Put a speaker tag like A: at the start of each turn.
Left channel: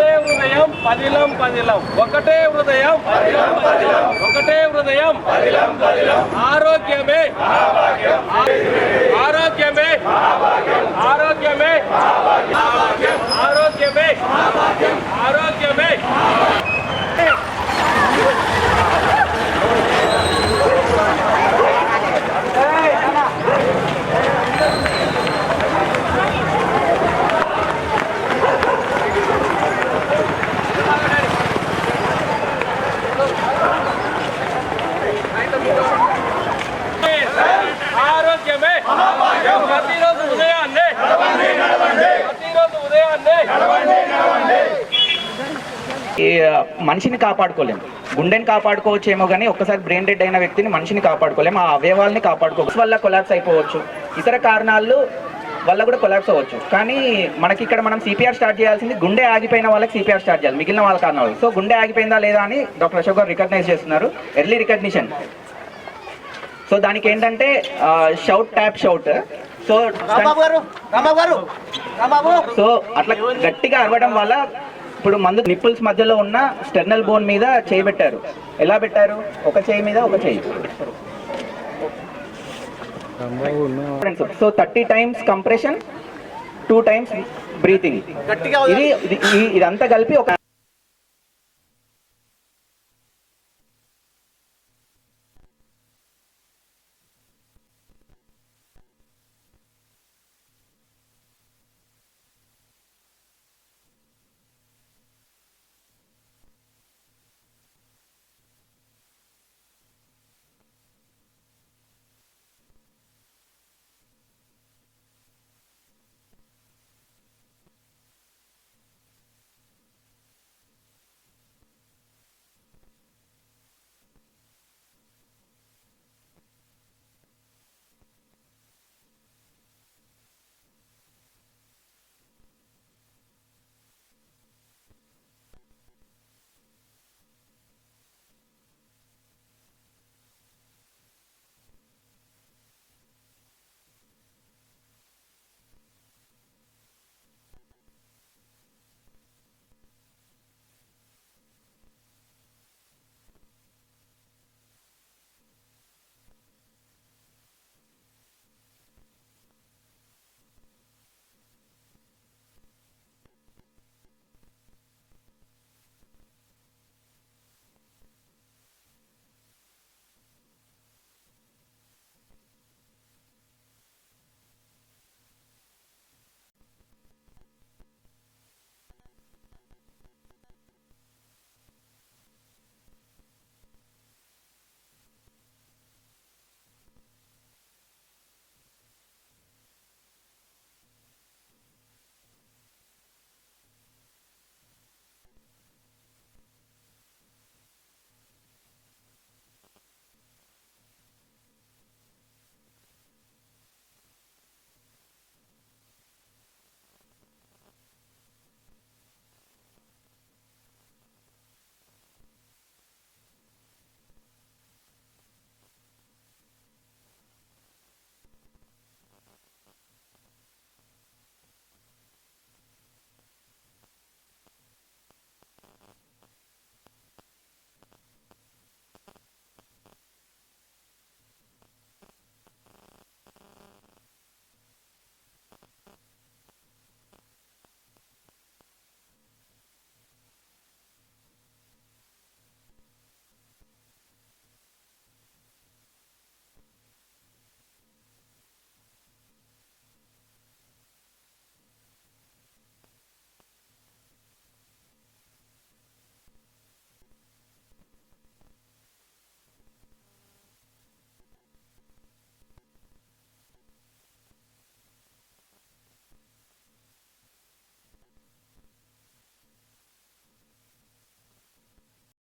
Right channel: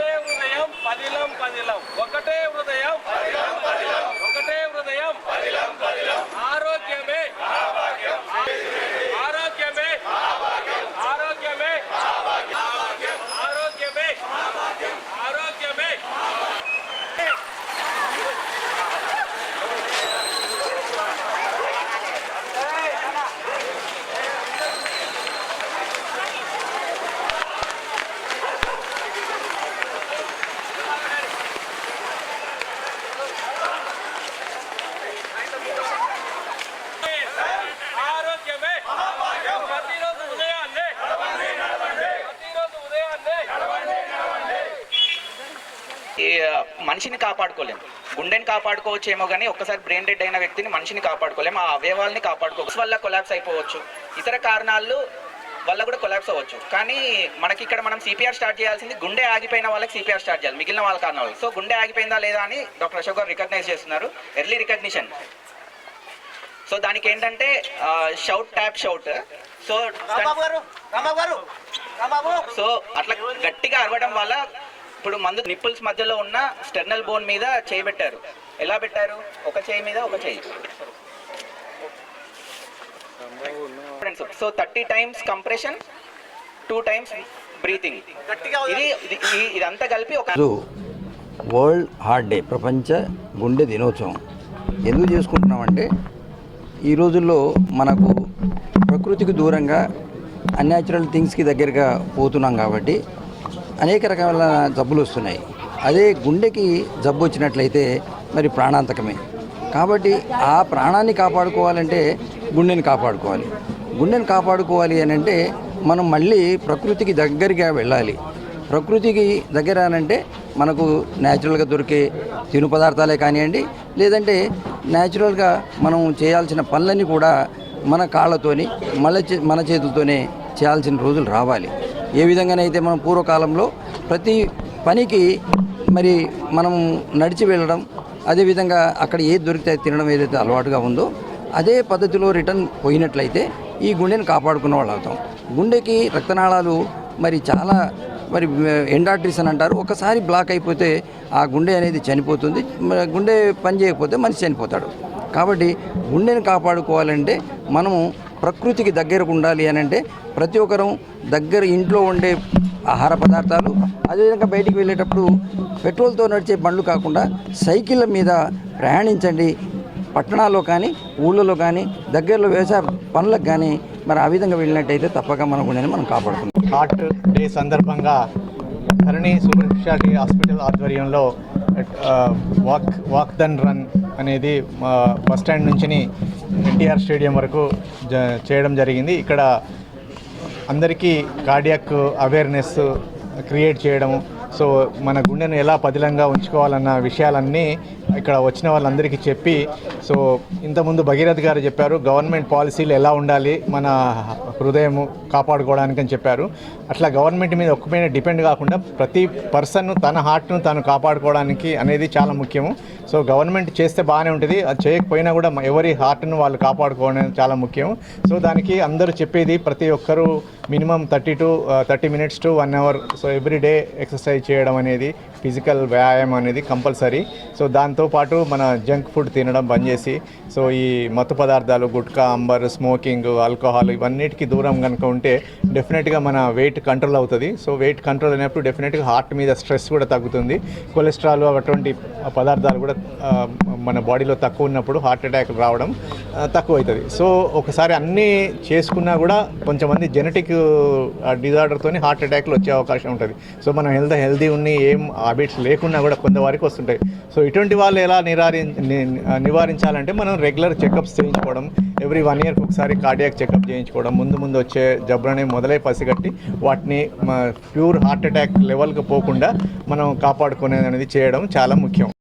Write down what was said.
A: ఒకటే హృదయం పదిలం పదిలం. ఒకటే హృదయం ఒకటే హృదయం
B: ఆరోగ్యమే. మనిషిని కాపాడుకోలేము. గుండెని కాపాడుకోవచ్చేమో కానీ ఒక్కసారి బ్రెయిన్ డెడ్ అయిన వ్యక్తిని మనిషిని కాపాడుకోలేము ఆ అవయవాల్ని కాపాడుకోవచ్చు. వల్ల కొలాప్స్ అయిపోవచ్చు. ఇతర కారణాలు వల్ల కూడా కొలాప్స్ అవ్వచ్చు. కానీ మనకి ఇక్కడ మనం సిపిఆర్ స్టార్ట్ చేయాల్సింది గుండె ఆగిపోయిన వాళ్ళకి సిపిఆర్ స్టార్ట్ చేయాలి మిగిలిన వాళ్ళ కారణాలు. సో గుండె ఆగిపోయిందా లేదా అని డాక్టర్ అశోక్ గారు రికగ్నైజ్ చేస్తున్నారు. ఎర్లీ రికగ్నిషన్ సో దానికి ఏంటంటే shout tap shout so so అట్లా గట్టిగా అరవడం వల్ల ఇప్పుడు మందు నిప్పుల్స్ మధ్యలో ఉన్న స్టెర్నల్ బోన్ మీద చేయి పెట్టారు. ఎలా పెట్టారు? ఒక చేయి మీద ఒక చేయి. So thirty times compression two times breathing ఇది ఇది- ఇదంతా కలిపి ఒక
C: వరల్డ్ హార్ట్ డే ప్రపంచ గుండె దినోత్సవం. ఎందుకు చేసుకుంటున్నామంటే ఈ రోజుల్లో మనకు ప్రకృతికి దూరంగా అన్యాచురల్ థింగ్స్కి దగ్గరగా పోతున్నాం కాబట్టి అనేక రకాల జబ్బులు వస్తున్నాయి. అదే గుండెకి జబ్బు వచ్చినట్లయితే మరి ప్రాణాంతకమే. కాబట్టి ఆ ప్రాణాన్ని కాపాడుకోవాలంటే గుండెని కాపాడుకోవాలి. గుండెని కాపాడుకోవాలి అని అంటే మనం మళ్ళీ ప్రకృతికి దగ్గరగా వెళ్ళాలి. ప్రకృతికి దగ్గర అనంటే మనకు న్యాచురల్గా దొరికే తిను పదార్థాలే కానివ్వండి లేదంటే న్యాచురల్గా మనం చేయాల్సిన పనులన్నీ కూడా మన కాళ్ళతోని మన చే- మన చేతులతోనే చేయాల్సిన రోజులు రావాలి. ఏ విధంగానైతే మనం పూర్వకాలంలో ప్రతి పనికి మరి మనం నడిచి వెళ్ళడం అదేవిధంగా అక్కడ ఏది దొరికితే తినడం ఏదైతే అలవాటుగా ఉందో అదే పద్ధతిలో రిటర్న్ పోయినట్లయితే ఈ గుండెని కాపాడుకున్న వాళ్ళు అవుతాం. గుండెకి రక్తనాళాలు మరి చాలా మరి ఎండాట్రిస్ అని అంటారు. ఒకసారి బ్లాక్ అయిపోతే ఆ గుండె అనేది చనిపోతుంది. గుండె పని చేయకపోతే మనిషి చనిపోతాడు. కాబట్టి గుండెని కాపాడుకోవాలంటే మనము ప్రకృతికి దగ్గరకు ఉండాలి అని అంటే ప్రతి ఒక్కరూ దగ్గర ఇంట్లో ఉండే ఆహార పదార్థాలు అదేవిధంగా బయటికి వెళ్ళేటప్పుడు పెట్రోల్తో నడిచే బండ్లు కాకుండా సైకిళ్ళ మీద ప్రయాణించండి. పట్టణాల్లో కానీ ఊళ్ళలో కానీ దగ్గరలో వ్యవసాయ పనులకు కానీ మరి ఆ విధంగా వెళ్ళినట్టయితే తప్పక మన గుండెని మనం కాపాడుకుంటాం
D: హార్ట్ డే సందర్భంగా ధరణి సూపర్ స్పెషాలిటీ హాస్పిటల్ ఆధ్వర్యంలో వాక్ వాక్ దన్ రన్ అనేది మా బస్ స్టాండ్ నుంచి ఎన్టీఆర్ స్టేడియం వరకు జ- చేయడం జరిగింది. ఇక్కడ అందరికీ కార్డియాక్ అవేర్నెస్ క్రియేట్ చేయడము సో మన గుండెను ఎలా పదిలంగా ఉంచుకోవాలన్న విషయాలన్నీ ఇక్కడ వచ్చిన వాళ్ళందరికీ చెప్పి సో ఇంతకుముందు భగీరథ్ గారు చెప్పారు గవర్నమెంట్ పాలసీలు ఎలా ఉండాలి మన హృదయం కాపాడుకోవడానికి అని చెప్పారు. అట్లా గవర్నమెంట్ మీద ఒక్క మీద డిపెండ్ కాకుండా ప్రతి పర్సన్ తన హార్ట్ను తాను కాపాడుకోవడానికి అనేది చాలా ముఖ్యము. సో గవర్నమెంట్ చేస్తే బాగానే ఉంటుంది అది చేయకపోయినా కూడా ఎవరి హార్ట్ను వాళ్ళు కాపాడుకోవడం చాలా ముఖ్యం సో దానికి అందరూ చెప్పేది ప్రతి ఒక్కరూ minimum thirty to thirty minutes to one hour so every day exercise చేయడం అనేది ఫిజికల్ వ్యాయామం అనేది కంపల్సరీ. సో దాంతోపాటు మన జంక్ ఫుడ్ తినడం బంద్ చేసి సో ఈ మత్తు పదార్థాలు గుట్కా అంబర్ స్మోకింగ్ ఆల్కహాల్ ఇవన్నిటికీ దూరం కనుక ఉంటే డెఫినెట్గా మన వెయిట్ కంట్రోల్ అవుతుంది. సో వెయిట్ కంట్రోల్ అయినప్పుడు డెఫినెట్గా హార్ట్ మీద స్ట్రెస్ కూడా తగ్గుతుంది. కొలెస్ట్రాల్ అటువంటి పదార్థాలు కూడా మన బాడీలో తక్కువ ఉన్నప్పుడు హార్ట్ అటాక్ రావడం తక్కువ అవుతుంది. సో ఒకసారి అన్నీ చేసుకున్నా కూడా కొంచెమంది జెనెటిక్ డిజార్డర్తో హార్ట్ అటాక్లు వచ్చే అవకాశం ఉంటుంది. సో మనం హెల్త్ హెల్దీ ఉన్ని ఏం హ్యాబిట్స్ లేకున్నా కూడా కొంతవారికి వస్తుంటాయి. సో ఇటువంటి వాళ్ళు ఎలా నిరారి ని- నివారించాలంటే మనం రెగ్యులర్ చెకప్స్ చేయించుకోవడం ఎవ్రీ వన్ ఇయర్కి ఒకసారి కార్డియాక్ చెకప్ చేయించుకోవడం ముందు ముందు వచ్చే జబ్బులని మొదలై పసిగట్టి వాటిని ప్యూర్ హార్ట్ అటాక్ లెవెల్కి పోకుండా మనం కాపాడుకునేది అనేది చేయడం చాలా ముఖ్యం.